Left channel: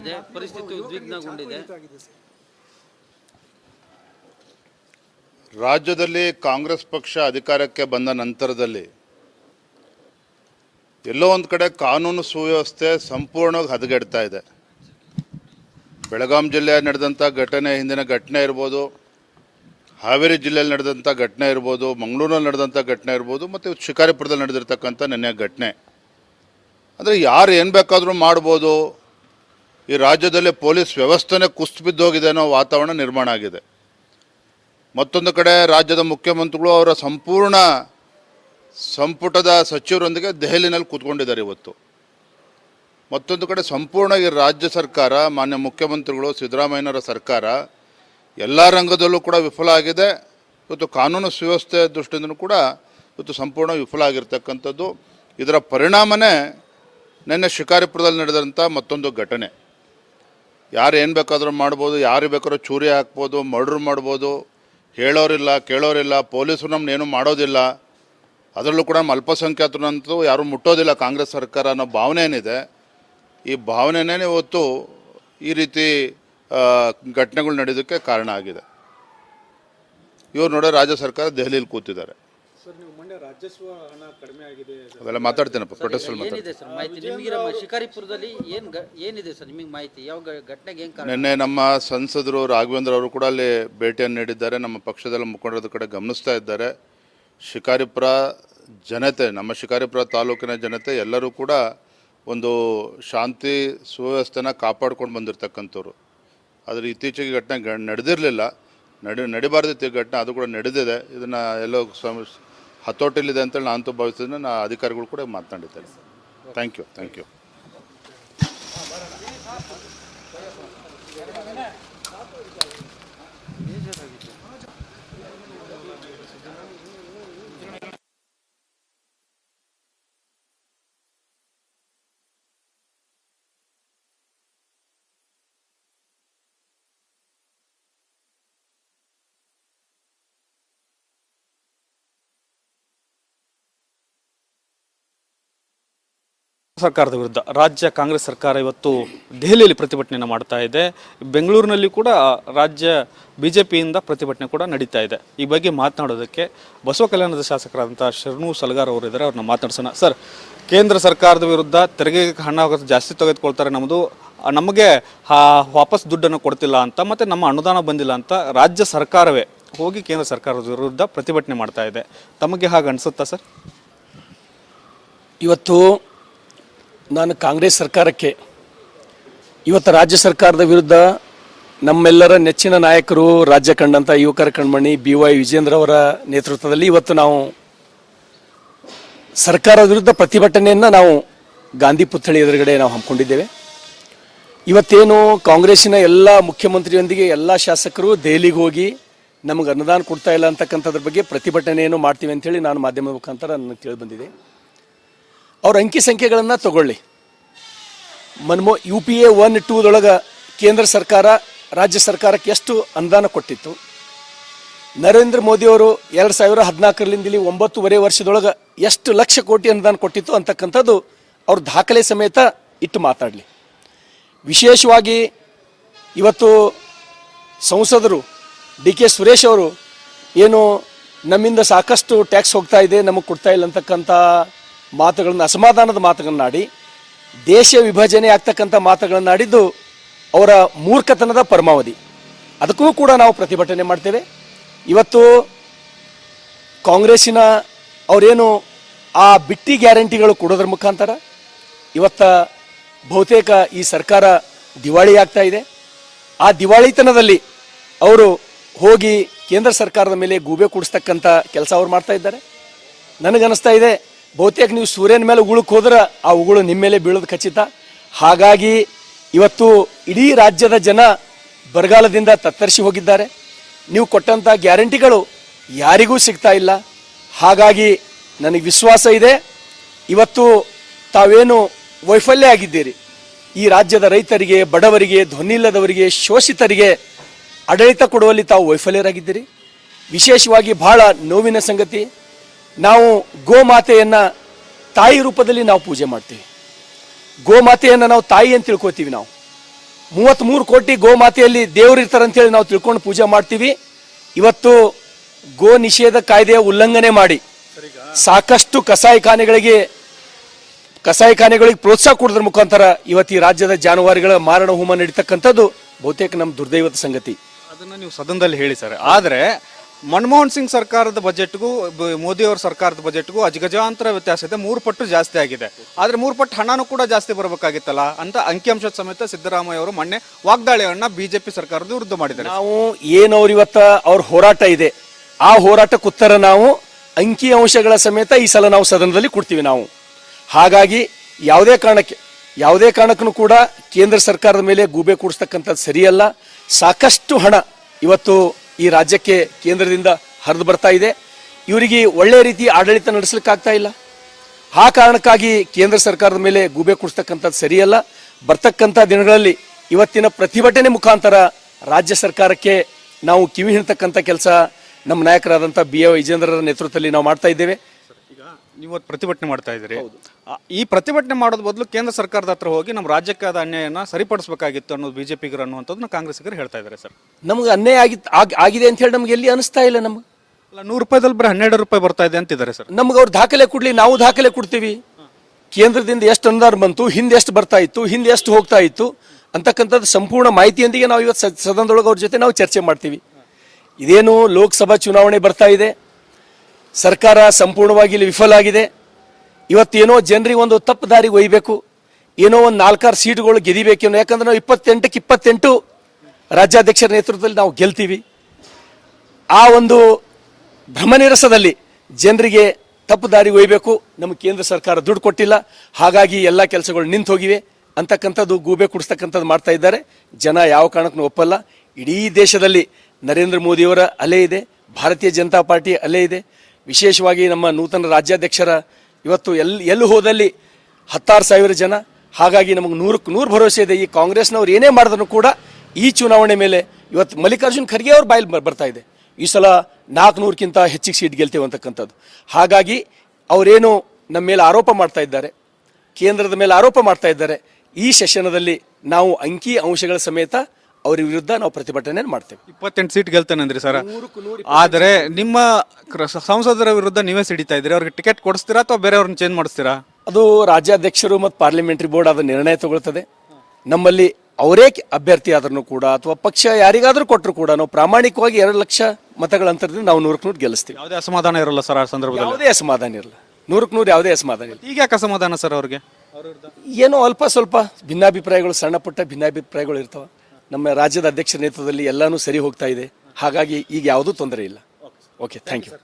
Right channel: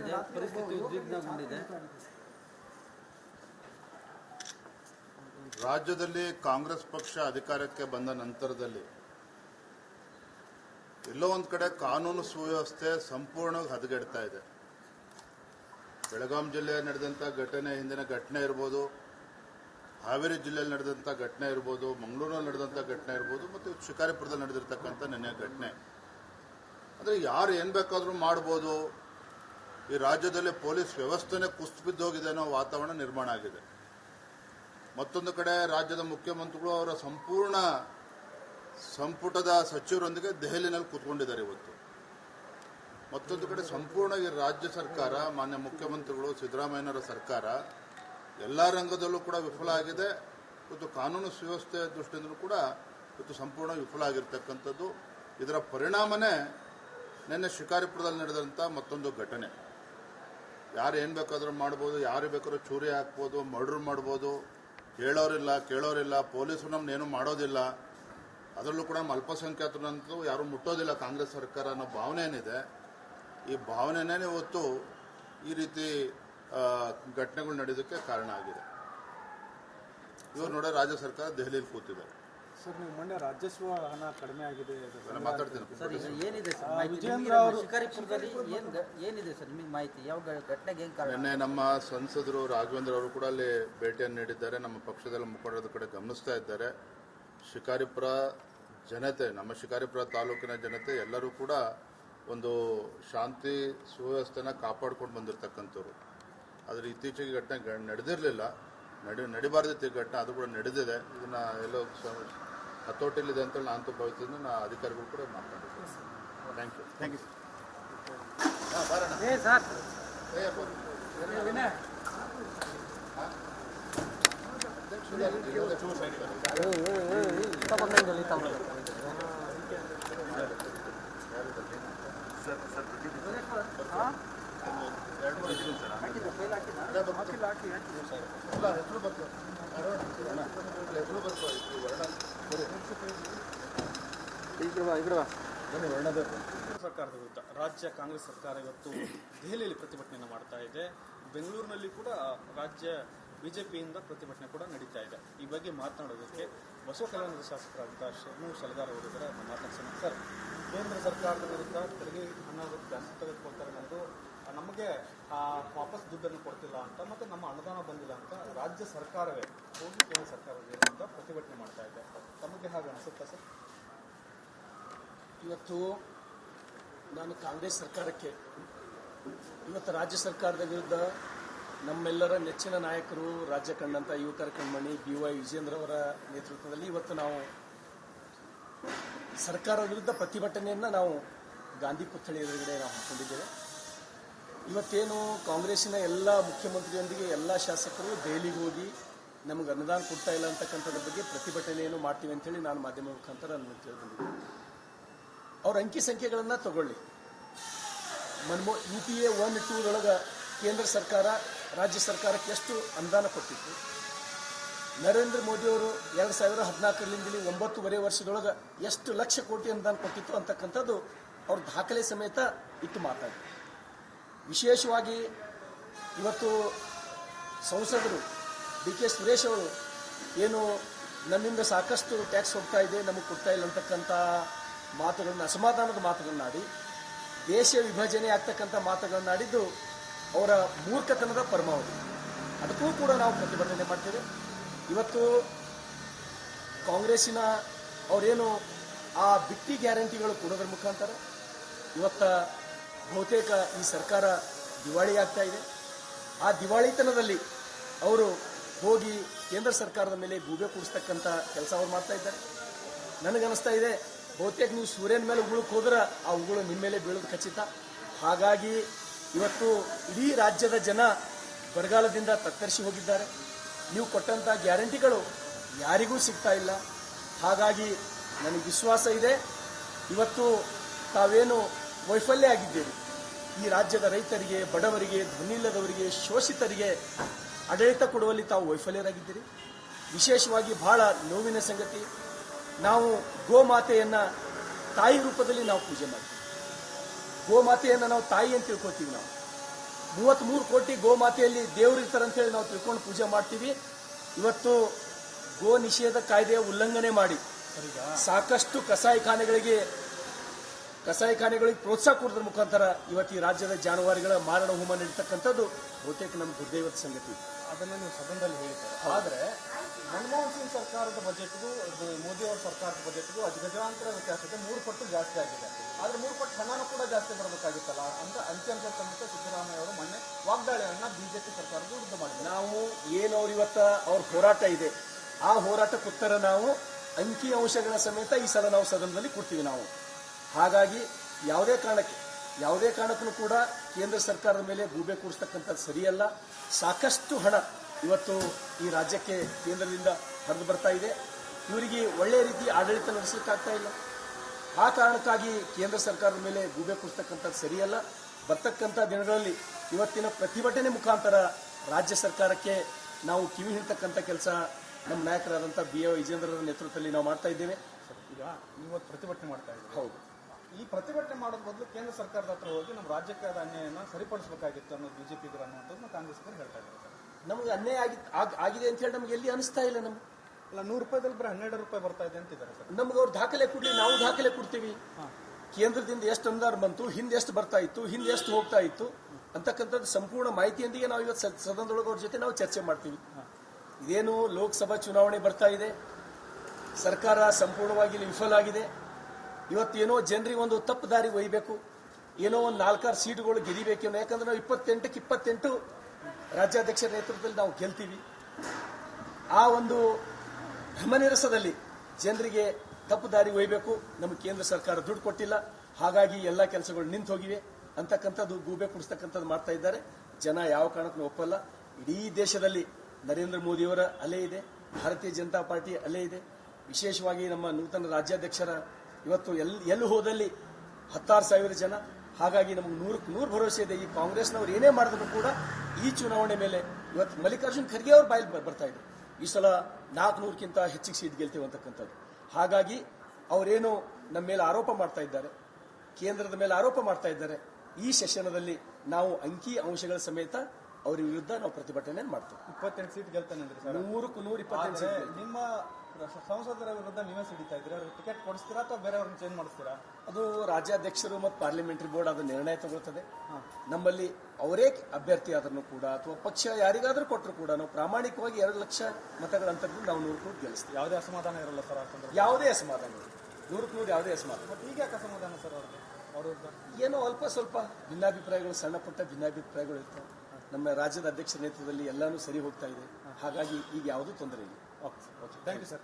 ಏನಿದೆ ಪರಿಸ್ಥಿತಿ ಉದ್ವಿಗ್ನಗೊಂಡಿದೆ. ರಾಜ್ಯದಲ್ಲಿ ಕಾಂಗ್ರೆಸ್ ಪಕ್ಷ ಅಧಿಕಾರಕ್ಕೆ ಬಂದ ನಂತರದಲ್ಲಿ ಎಲ್ಲೋ ಒಂದು ಕಡೆ ಕಾನೂನು ಸುವ್ಯವಸ್ಥೆ ಸಂಪೂರ್ಣವಾಗಿ ಹದಗೆಡ್ತಾ ಇದೆ. ಬೆಳಗಾಂ ಜಿಲ್ಲೆಯಲ್ಲಿ ನಡೆದಂಥ ಘಟನೆ, ಹಿಂದಿನ ಘಟನೆ ಇರ್ಬೋದು, ಹಾವೇರಿ ಜಿಲ್ಲೆಯಲ್ಲಿ ನಡೆದಂಥ ಘಟನೆ ಇರ್ಬೋದು, ಮಂಗಳೂರಲ್ಲಿ ನಡೆದಂಥ ಘಟನೆ ಇರ್ಬೋದು, ಮತ್ತು ಶಿಕಾರಿಪುರದಲ್ಲಿ ನಡೆದಿರ್ತಕ್ಕಂಥ ನೆನ್ನೆ ಘಟನೆ. ಅಂದರೆ ಯಾರು ಏನು ಬೇಕಾದರೂ ಮಾಡ್ಬೋದು, ಈ ರಾಜ್ಯದಲ್ಲಿ ಪೊಲೀಸ್ ವ್ಯವಸ್ಥೆನೇ ಕುಸಿದು ಬಿದ್ದೋಗಿದೆ ಅನ್ನೋ ವಾತಾವರಣ ನಿರ್ಮಾಣ ಆಗಿದೆ. ಮತ್ತೊಂದು ಕಡೆ ರಾಜ್ಯದ ಮುಖ್ಯಮಂತ್ರಿಗಳು ಅವರ ಸಂಪೂರ್ಣ ಸಂಪುಟದ ಸಚಿವರೊಂದಿಗೆ ದೆಹಲಿನಲ್ಲಿ ಕೂತ್ಕೊಂಡಿದ್ದಾರೆ ಇವತ್ತು. ಮತ್ತೊಂದು ಕಡೆ ಸಂಪೂರ್ಣ ಈ ರಾಜ್ಯ ಸರ್ಕಾರ, ಮಾನ್ಯ ಮುಖ್ಯಮಂತ್ರಿಗಳು ಸಿದ್ದರಾಮಯ್ಯನವರ ಸರ್ಕಾರ ಎಲ್ಲ ರಂಗದಲ್ಲೂ ಕೂಡ ವಿಫಲ ಆಗಿದೆ. ಇವತ್ತು ಕಾನೂನು ಸುವ್ಯವಸ್ಥೆ ದೃಷ್ಟಿಯಿಂದಲೂ ಕೂಡ ಇವತ್ತು ಸಂಪೂರ್ಣ ವಿಫಲ ಆಗಿರ್ತಕ್ಕಂಥದ್ದು. ಇದರ ಪರಿಣಾಮನೇ ನಿನ್ನೆ ಶಿಕಾರಿಪುರದಲ್ಲಿ ನಡೆದಂಥ ಮತ್ತೊಂದು ಘಟನೆ. ಯಾರು ಏನು ಬೇಕಾದರೂ ಮಾಡ್ಬೋದು, ಯಾರು ಬೇಕಾದ್ರೂ ಚೂರಿ ಹಾಕ್ಬೋದು, ಮರ್ಡ್ರ್ ಮಾಡ್ಬೋದು, ಹೇಳೋರಿಲ್ಲ ಕೇಳೋರಿಲ್ಲ, ಪೊಲೀಸರು ನಮ್ಮನ್ನೇನು ಮಾಡೋದಿಲ್ಲ, ಅದರಲ್ಲೂ ಕೂಡ ನಮ್ಮ ಅಲ್ಪಸಂಖ್ಯಾತರಂತೂ ಯಾರೂ ಮುಟ್ಟೋದಿಲ್ಲ ಕಾಂಗ್ರೆಸ್ ಸರ್ಕಾರ ಅನ್ನೋ ಭಾವನೆ ಏನಿದೆ, ಈ ಭಾವನೆನೇ ಇವತ್ತು ಈ ರೀತಿ ಘಟನೆಗಳು ನಡೆಯೋದಕ್ಕೆ ಕಾರಣ ಆಗಿದೆ. ಇವ್ರು ನೋಡೋ ರಾಜ್ಯ ಸರ್ಕಾರ ದೆಹಲಿಯಲ್ಲಿ ಕೂತಿದ್ದಾರೆ. ಅವೆಲ್ಲ ಮಾತಾಡ್ತೇನಪ್ಪ, ಪ್ರೊಟೆಸ್ಟ್ ಶಿಕಾರಿಪುರದಲ್ಲಿ ಏನಿದೆ ಸರ್ ನಿಮಗೆ ಮಾಹಿತಿ? ಯಾವ ಘಟನೆಗೆ ಏನು ಕಾರಣ? ನಿನ್ನೆ ನಮ್ಮ ಸಂಸದರು ರಾಘವೇಂದ್ರ ಅವರು ಕೂಡ ಅಲ್ಲಿ ಭೇಟಿಯನ್ನು ನೀಡಿದ್ದಾರೆ. ನಮ್ಮ ಪಕ್ಷದ ಮುಖಂಡರ ಕಡೆ ಗಮನಿಸ್ತಾ ಇದ್ದಾರೆ. ಶಿಕಾರಿಪುರ ಜನತೆ, ನಮ್ಮ ಶಿಕಾರಿಪುರ ತಾಲೂಕಿನ ಜನತೆ ಎಲ್ಲರೂ ಕೂಡ ಒಂದು ಶಾಂತಿ ಸುವ್ಯವಸ್ಥೆನ ಕಾಪಾಡ್ಕೊಂಡು ಬಂದಿರತಕ್ಕಂಥವ್ರು. ಆದರೆ ಇತ್ತೀಚೆಗೆ ಘಟನೆ ನಡೆದಿರಲಿಲ್ಲ, ನಡಿಬಾರ್ದಿತ್ತು ಘಟನೆ, ಅದು ಕೂಡ ನಡೆದಿದೆ. ಇದನ್ನು ಎಲ್ಲೋ ಹತೋಟಿಲಿದೆ ಅಂತೇಳಿ ನಾನು ಭಾವಿಸಿದ್ರೆ ಅಧಿಕಾರಿಗಳು ಕೂಡ ಮಾತನಾಡಿದ್ದಾರೆ. Thank you. ಸರ್ಕಾರದ ವಿರುದ್ಧ ರಾಜ್ಯ ಕಾಂಗ್ರೆಸ್ ಸರ್ಕಾರ ಇವತ್ತು ದೆಹಲಿಯಲ್ಲಿ ಪ್ರತಿಭಟನೆಯನ್ನು ಮಾಡ್ತಾ ಇದೆ. ಬೆಂಗಳೂರಿನಲ್ಲಿ ಕೂಡ ರಾಜ್ಯ ಬಿಜೆಪಿಯಿಂದ ಪ್ರತಿಭಟನೆ ಕೂಡ ನಡೀತಾ ಇದೆ. ಈ ಬಗ್ಗೆ ಮಾತನಾಡೋದಕ್ಕೆ ಬಸವ ಕಲ್ಯಾಣದ ಶಾಸಕರಾದಂಥ ಶರಣು ಸಲಗಾರ್ ಅವರು ಇದ್ದಾರೆ. ಅವ್ರನ್ನ ಮಾತನಾಡ್ಸೋಣ. ಸರ್, ಕೇಂದ್ರ ಸರ್ಕಾರದ ವಿರುದ್ಧ ತೆರಿಗೆ ಹಣ ಜಾಸ್ತಿ ತೆಗೆದುಕೊಳ್ತಾರೆ, ನಮಗೆ ವಾಪಸ್ ದುಡ್ಡನ್ನು ಕೊಡ್ತಿಲ್ಲ ಅಂತ, ಮತ್ತು ನಮ್ಮ ಅನುದಾನ ಬಂದಿಲ್ಲ ಅಂತ ರಾಜ್ಯ ಸರ್ಕಾರವೇ ಹೋಗಿ ಕೇಂದ್ರ ಸರ್ಕಾರದ ವಿರುದ್ಧ ಪ್ರತಿಭಟನೆ ಮಾಡ್ತಾ ಇದೆ. ತಮಗೆ ಹಾಗೆ ಅನಿಸುತ್ತಾ ಸರ್? ಇವತ್ತು ನಾನು ಕಾಂಗ್ರೆಸ್ ಸರ್ಕಾರಕ್ಕೆ, ಇವತ್ತು ರಾಜ್ಯ ಸರ್ಕಾರದ ವಿರುದ್ಧ ನಮ್ಮೆಲ್ಲರ ನೆಚ್ಚಿನ ನಾಯಕರು, ರಾಜ್ಯ ಕಂಡಂಥ ಯುವಕರ ಕಣ್ಮಣಿ BY ವಿಜೇಂದ್ರ ಅವರ ನೇತೃತ್ವದಲ್ಲಿ ಇವತ್ತು ನಾವು ಸರ್ಕಾರದ ವಿರುದ್ಧ ಪ್ರತಿಭಟನೆಯನ್ನು ನಾವು ಗಾಂಧಿ ಪುತ್ಥಳಿ ಎದುರುಗಡೆ ನಾವು ಹಮ್ಮಿಕೊಂಡಿದ್ದೇವೆ. ಇವತ್ತೇನು ಕಾಂಗ್ರೆಸ್ಸಿನ ಎಲ್ಲ ಮುಖ್ಯಮಂತ್ರಿಯೊಂದಿಗೆ ಎಲ್ಲ ಶಾಸಕರು ದೆಹಲಿಗೆ ಹೋಗಿ ನಮಗೆ ಅನುದಾನ ಕೊಡ್ತಾ ಇಲ್ಲ ಅಂತಕ್ಕಂಥದ್ರ ಬಗ್ಗೆ ಪ್ರತಿಭಟನೆಯನ್ನು ಮಾಡ್ತೀವಿ ಅಂಥೇಳಿ ನಾನು ಮಾಧ್ಯಮದ ಮುಖಾಂತರ ನನಗೆ ತಿಳಿದು ಬಂದಿದೆ. ಅವ್ರ ಅಂಕಿ ಸಂಖ್ಯೆಗಳನ್ನು ತಗೊಳ್ಳಿ. UPA 1, 2 ಕೇಂದ್ರ ಸರ್ಕಾರ ರಾಜ್ಯ ಸರ್ಕಾರಕ್ಕೆ ಎಷ್ಟು ಅನುದಾನ ಕೊಟ್ಟಿತ್ತು? ನರೇಂದ್ರ ಮೋದಿಯವರು 2014ರಿಂದ 9.5 ವರ್ಷದೊಳಗೆ ಎಷ್ಟು ಲಕ್ಷ ಕೋಟಿ ಅನುದಾನ ಕೊಟ್ಟಿತ್ತು ಅಂತಕ್ಕಂಥದ್ದು ಅವ್ರ ದಾಖಲೆ ಸಮೇತ ಇಟ್ಟು ಮಾತಾಡಲಿ. ವಿಶೇಷವಾಗಿ ಇವತ್ತು ಸಂಸದರು DK ಸುರೇಶ್ ಅವರು ಏನು ನಮ್ಮಿಂದ ಸಾಕಷ್ಟು ಟ್ಯಾಕ್ಸ್ ಹೋಗ್ತಾ ಇದೆ, ನಮಗೆ ಕೊಡ್ತಾ ಇಲ್ಲ ಅಂತಕ್ಕಂಥ ಮಾತುಗಳನ್ನು, ಅಸಮಾಧಾನದ ಮಾತುಗಳನ್ನಾಡಿ, ದೇಶ ವಿಭಜನೆ ಆಗ್ತಕ್ಕಂಥ ಮಾತುಗಳನ್ನಾಡಿದ್ದು ಅವರ ಮೂರ್ಖತನದ ಪರಮಾವಧಿ. ಅದಕ್ಕೂ ಕೂಡ ನಾವು ಪ್ರತಿಭಟನೆ ಮಾಡ್ತೇವೆ. ಇವತ್ತು ಕಾಂಗ್ರೆಸ್ಸಿನ ಅವರೇನು ಆ ಬಿಟ್ಟಿ ಗ್ಯಾರಂಟಿಗಳು ಕೊಡೋದ್ರ ಮುಖಾಂತರ ಇವತ್ತ ಬಹುತೇಕ ಈ ಸರ್ಕಾರ ದಿವಾಳಿ ಆಗ್ತಾ ಇದೆ. ಆ ದಿವಾಳಿತನದಲ್ಲಿ ಅವರು ಹೋಗಿ ಕೇಂದ್ರ ಸರ್ಕಾರದ ಮೇಲೆ ಗೂಬೆ ಕೂಡಿಸ್ತಕ್ಕಂಥ ಕೆಲಸ ಅವ್ರು ಮಾಡ್ತಾ ಇದ್ದಾರೆ. ನನಗನ್ನಿಸ್ತಾ ಇದೆ ಬಹುತೇಕ ನೀವು ಸೂರ್ಯನ ಮೇಲೆ ಉಗುಳಕ್ಕೆ ಹೋದ್ರೆ ಆ ಉಗುಳು ನಿಮ್ಮ ಮೇಲೆ ಬೀಳೋದು ಖಚಿತ. ಹಾಗಾಗಿ ಇವತ್ತು ಇಡೀ ರಾಜ್ಯದ ಜನ ಬರಗಾಲದಿಂದ ತತ್ತರಿಸಿ ಹೋಗಿದ್ದಾರೆ. ನೀವು ಕೊಟ್ಟಂಥ ಗ್ಯಾರಂಟಿಗಳು ಯಾರಿಗೂ ಸಿಗ್ತಾ ಇಲ್ಲ. ಹಾಗಾಗಿ ನನಗೆ ವಿಶ್ವಾಸ ಇದೆ, ಇವತ್ತು ತಾವೇನು ವೈಫಲ್ಯ ಆಗಿದ್ದೀರಿ, ಈ ರಾಜ್ಯದ ರೈತರಿಗೆ, ಬಡವರಿಗೆ, ಧ್ವನಿ ಇಲ್ಲದವರಿಗೆ, ಶೋಷಿತರಿಗೆ ಆಡಳಿತ ಕೊಡುವಲ್ಲಿ ತಾವು ವೈಫಲ್ಯರಾಗಿದ್ದೀರಿ. ವಿಶೇಷವಾಗಿ ಬಹಳ ನೋವಿನ ಸಂಗತಿ, ನಾವು ಗೋಮಾತೆಯನ್ನು ತಾಯಿ ರೂಪದಲ್ಲಿ ನಾವು ಪೂಜೆ ಮಾಡ್ತೀವಿ. ಗೋಮಾತೆಯನ್ನು ನಾವು ತಾಯಿ ಅಂತ ತಿಳ್ಕೊತೀವಿ ನಾವು. 33 ಕೋಟಿ ಗೋಮಾತೆಯಲ್ಲಿ ದೇವರು ಇರ್ತಾರೆ ಅಂತೇಳಿ ನಾವು ತಿಳ್ಕೊಂಡು ಪೂಜೆ ಮಾಡ್ತೀವಿ. ಇವತ್ತು ಗೋ ನಿಷೇಧ ಕಾಯ್ದೆಯ ಉಲ್ಲಂಘನೆ ಮಾಡಿ ಸಾಕಷ್ಟು ಕಸಾಯಿಖಾನೆಗಳಿಗೆ ಪ್ರೋತ್ಸಾಹ ಕೊಡೋದ್ರ ಮುಖಾಂತರ ಇವತ್ತು ಈ ರಾಜ್ಯದ ಜಾನುವಾರುಗಳ ಮಾರಣ ಹೋಮ ನಡೀತಕ್ಕಂಥದ್ದು ಬಹುತೇಕ ನಮ್ಮ ದುರ್ದೈವದ ಸಂಗತಿ. ಅದನ್ನು ನೀವು ಸದನದಲ್ಲಿ ಹೇಳಿ ಸರ್. ಆದರೆ ಮನಮೋಹನ್ ಸಿಂಗ್ ಸರ್ಕಾರದ ಬಜೆಟ್ಗೂ ಮೋದಿ ಅವರ ಸರ್ಕಾರದ ಬಜೆಟ್ಗೂ ಅಜಗಜಾಂತರ ವ್ಯತ್ಯಾಸ ಇದೆ. 3 ಪಟ್ಟು ಜಾಸ್ತಿ ಆಗಿದೆ. ಆದರೆ 3 ಪಟ್ಟು ಹಣನೂ ಕೂಡ ಜಾಸ್ತಿ ಬರಬೇಕಾಗಿತ್ತಲ್ಲ ಅಂತ ಅಂಕಿಅಂಶದ ಸಮೇತ ಸಿದ್ದರಾಮಯ್ಯ ಅವರು ಮೊನ್ನೆ ವಾಗ್ದಾಳಿಯನ್ನ ಬಿಜೆಪಿ ಸರ್ಕಾರದ ವಿರುದ್ಧ ಮಾಡಿದ್ದಾರೆ. ನಾವು ಏನವ್ರು ಇವತ್ತ ಅವ್ರ ಹೋರಾಟ ಇದೆ, ಆ ಹೋರಾಟಕ್ಕೆ ಉತ್ತರ ನಾವು ಅಂಕಿ ಅಂಶಗಳ ಸಮೇತ ಈ ಸಲ ನಾವು ಸದನದಲ್ಲಿ ಕೊಡ್ತೀವಿ ನಾವು. ಹಾಗಾಗಿ ಯಾವುದೇ ಕಾರಣಕ್ಕೂ ಕೂಡ ಕೇಂದ್ರ ಸರ್ಕಾರದ ಮೇಲೆ ಗೂಬೆ ಕೂಡಿಸ್ತಕ್ಕಂಥದ್ದು ಸರಿಯಲ್ಲ. ಸಾಕಷ್ಟು ಹಣ ಇವತ್ತು ಈ ರಾಜ್ಯಕ್ಕೆ ಕೇಂದ್ರದಿಂದ ಹರಿದು ಬರ್ತಾ ಇದೆ. ಇವರಿಗೆ ಒಳ್ಳೆ ರೀತಿ ಆಡಳಿತ ನಡೆಸಲಿಕ್ಕಾಗ್ತಾ ಇಲ್ಲ. ಆ ಕಾರಣಕ್ಕಾಗಿ ಕೇಂದ್ರ ಸರ್ಕಾರದ ಮೇಲೆ ಗೂಬೆ ಕೂಡಿಸ್ತಕ್ಕಂಥದ್ದು ಸರಿಯಲ್ಲ. ಬರ್ತಕ್ಕಂಥ ದಿನಗಳಲ್ಲಿ ಇವತ್ತಿನ ಪ್ರತಿಭಟನೆ ಮುಖಾಂತರ ರಾಜ್ಯ ಸರ್ಕಾರಕ್ಕೆ ನಾವು ಕಿವಿ ಹಿಡ್ತಕ್ಕಂಥ ಕೆಲಸ ನಮ್ಮ ನಾಯಕರಾದಂಥ BA ವಿಜೇಂದ್ರರ ನೇತೃತ್ವದಲ್ಲಿ ನಾವು ಮಾಡ್ತಾ ಇದ್ದೇವೆ. ನೀವು ಪ್ರತಿಭಟನೆ ಮಾಡ್ತಾ ಇದ್ದೀರಿ. ಈ ಪ್ರತಿಭಟನೆ ಮಾಡೋದ್ ಬದಲು ಕೇಂದ್ರ ಸರ್ಕಾರದ ಹತ್ರ ಹೋಗಿ ನಮ್ಮ ರಾಜ್ಯಕ್ಕಾದ ಅನ್ಯಾಯನ ಸರಿಪಡಿಸಬೇಕಾಗಿತ್ತು ಅನ್ನೋದು ಬಿಜೆಪಿಗರು ಅನ್ನುವಂಥದ್ದು ಕಾಂಗ್ರೆಸ್ಸಿಗರು ಹೇಳ್ತಾ ಇದ್ದಾರೆ ಸರ್. ನಮ್ಗೆ ಅನ್ಯಾಯ ಆಗಿದೆ ಅಂತ ಹೇಳಿ ನಮ್ಗೆ ಎಲ್ಲಿ ಅನಿಸ್ತಾ ಇಲ್ಲ. ನಮ್ಗೆ ಅಲ್ಲ, 100 ರೂಪಾಯಿದಲ್ಲಿ ಬರೀ 12 ರೂಪಾಯಿ ಬರ್ತಾ ಇದೆ ಅಂತಿದ್ದಾರೆ ಸರ್. ನಮ್ಗೆ ಅವ್ರು ದಾಖಲೆ ಕೊಡ್ಲಿ, ನಾವು ದಾಖಲೆ ಕೊಡ್ತೀವಿ. ಕೇಂದ್ರದಿಂದ ಎಷ್ಟು ಅನುದಾನ ಬಂತು, ಹಿಂದೆ ಎಷ್ಟು ಬರ್ತಾ ಇತ್ತು, ಹಿಂದೆ ಎಷ್ಟು ಹೋಗ್ತಾ ಇತ್ತು ಅಂತಕ್ಕಂಥದ್ದು ಸಂಪೂರ್ಣ ಮಾಹಿತಿಯೊಂದಿಗೆ ನಾವು ಇವತ್ತು ಸದನದೊಳಗೆ ಅವ್ರ ಜೊತೆ ನಾವು ಚರ್ಚೆ ಮಾಡ್ತೀವಿ. ಇದೇನು ಲೋಕಸಭಾ ಚುನಾವಣೆ ಬರ್ತಾ ಇದೆ, ಸರ್ಕಾರ ಸಂಪೂರ್ಣವಾಗಿ ಇಲ್ಲಿ ವಿಫಲ ಆಗಿದೆ. ಇವತ್ತೇನೋ ಜನರಿಗೆ ಒಂದು ತಪ್ಪು ದಾರಿಗೆ ಒಯ್ಯಬೇಕು, ಏನೋ ಒಂದು 4-6 ಸೀಟ್ಗಳು ಗೆದಿಬೇಕೇನೋ. ಯಾಕಂದ್ರೆ ನಾವು 28ಕ್ಕೆ 28 ರಾಜ್ಯಾಧ್ಯಕ್ಷರ ನೇತೃತ್ವದಲ್ಲಿ ನಾವು ಗೆಲ್ತೀವಿ. ಆ ಒಂದು ಭ್ರಮನಿರಸದಲ್ಲಿ ಜನರಿಗೆ ತಪ್ಪು ದಾರಿಗೆ ಒಯ್ಯಬೇಕು. ನಮ್ಮ ಕೇಂದ್ರ ಸರ್ಕಾರ ದುಡ್ಡು ಕೊಟ್ಟಿಲ್ಲ, ಹಾಗಾಗಿ ಎಲ್ಲ ಕೆಲಸಗಳು ನಿಂತು ಹೋಗಿವೆ ಅಂತಕ್ಕಂಥದ್ದು ಗೂಬೆ ಕುಡಿಸ್ತಕ್ಕಂಥದ್ದು ಮಾಡ್ತಾ ಇದ್ದಾರೆ. ಜನ ಯಾವ ಕಾರಣಕ್ಕೂ ಒಪ್ಪಲ್ಲ. ಇಡೀ ದೇಶದಲ್ಲಿ ನರೇಂದ್ರ ಮೋದಿಯವರ ಅಲೆ ಇದೆ, ಭಾರತೀಯ ಜನತಾ ಪಾರ್ಟಿ ಅಲೆ ಇದೆ. ವಿಶೇಷವಾಗಿ ನಮ್ಮ ನೂತನ ರಾಜ್ಯಾಧ್ಯಕ್ಷರ ಇವತ್ತು ಎಲ್ಲಿ ಹೋದಲ್ಲಿ 16,000 ಜನ. ಹಾಗಾಗಿ ನಮಗೆ 100ಕ್ಕೆ 100 ಭರವಸೆ ಇದೆ. ಈ ಕಾಂಗ್ರೆಸ್ನವ್ರು ಏನೇ ಮಾಡಿದ್ರು ಕೂಡ ಈ ಚುನಾವಣೆ ಮೇಲೆ ಇವತ್ತು ಮಲ್ಲಿಕಾರ್ಜುನ್ ಖರ್ಗೆ ಅವ್ರ ಬಾಯಲ್ಲಿ ಬರ್ತಾ ಇದೆ, ಈ ಸಲ 400ಕ್ಕಿಂತ ಹೆಚ್ಚಿಗೆ ಸೀಟ್ ಗೆಲ್ತೇವೆ ಅಂತಕ್ಕಂಥದ್ದು. ಹಾಗಾಗಿ ಅವರೇನು ನಮ್ಮ ಮೇಲೆ ಆರೋಪ ಮಾಡ್ತಾ ಇದ್ದಾರೆ, ಕೇಂದ್ರದ ಮೇಲೆ ಆರೋಪ ಮಾಡ್ತಾ ಇದ್ದಾರೆ, ಈ ಸೆಷನದಲ್ಲಿ ನಾವು ಅಂಕಿ ಅಂಶಗಳ ಸಮೇತ ಅವ್ರ ವಿರುದ್ಧ ನಾವು ಪ್ರತಿಭಟನೆ ಮಾಡ್ತೇವೆ. 28 ಸೀಟ್ ಗೆಲ್ತಾನೆ ಅಂದ್ರಿ ಸರ್. ಆದರೆ ನಿಮ್ಮ ಸಂಸದರ ವಿರುದ್ಧ ನೀವೇ ಸಿಡಿತಾ ಇದ್ದೀರಿ. ಅವ್ರಿಗೆ ಟಿಕೆಟ್ ಕೊಡಿಸ್ತೀರಾ ಅಥವಾ ಬೇರೆಯವ್ರನ್ನ ಚೇಂಜ್ ಮಾಡಿಸ್ತೀರಾ? ಅದು ರಾಜ್ಯಾಧ್ಯಕ್ಷರು ಮತ್ತು ಪಾರ್ಲಿಮೆಂಟರಿ ಬೋರ್ಡ್ ಅದ ನಿರ್ಣಯ ತಗೊಳ್ತದೆ. ನಮ್ಮಲ್ಲಿ ಅವರೇ ಅಭ್ಯರ್ಥಿ ಆದ್ರೂ ಕೂಡ ಅಥವಾ ಪಕ್ಷ ಯಾರಿಗಾದ್ರೂ ಕೊಟ್ಟರು ಕೂಡ ನಾವು ಪ್ರಾಮಾಣಿಕವಾಗಿ 2 ಲಕ್ಷ ಮತಗಳ ಅಂತರದಿಂದ ನಾವು 100ಕ್ಕೆ 100 ಗೆಲ್ಲಿಸ್ತೀವಿ. ಯಾವುದೇ ಅಸಮಾಧಾನ ಇರಲ್ಲ ಸರ್ ಆ ಸಂದರ್ಭದಲ್ಲಿ? ಯಾವುದೇ ಅಸಮಾಧಾನ ಇರಲ್ಲ, 100ಕ್ಕೆ 100 ಯಾವುದೇ ಅಸಮಾಧಾನ ಇಲ್ಲ. ಈಗ ಯಾಕೆ ಅಸಮಾಧಾನ ಸರ್ ಅವ್ರಿಗೆ? ಏನೋ ಅಲ್ಪ ಸ್ವಲ್ಪ ಭಿನ್ನಾಭಿಪ್ರಾಯಗಳು, ಸಣ್ಣ ಪುಟ್ಟ ಭಿನ್ನಾಭಿಪ್ರಾಯಗಳು ಇರ್ತಾವ. ನಮ್ಮ ರಾಜ್ಯದ ಅಧ್ಯಕ್ಷರ ನೇತೃತ್ವದಲ್ಲಿ ಎಲ್ಲಾನು ಸರಿ ಹೋಗ್ತಾ ಇದೆ. ಹಾಗಾಗಿ ಈಗ ಯಾವುದೂ ತೊಂದರೆ ಇಲ್ಲ. Okay, thank you.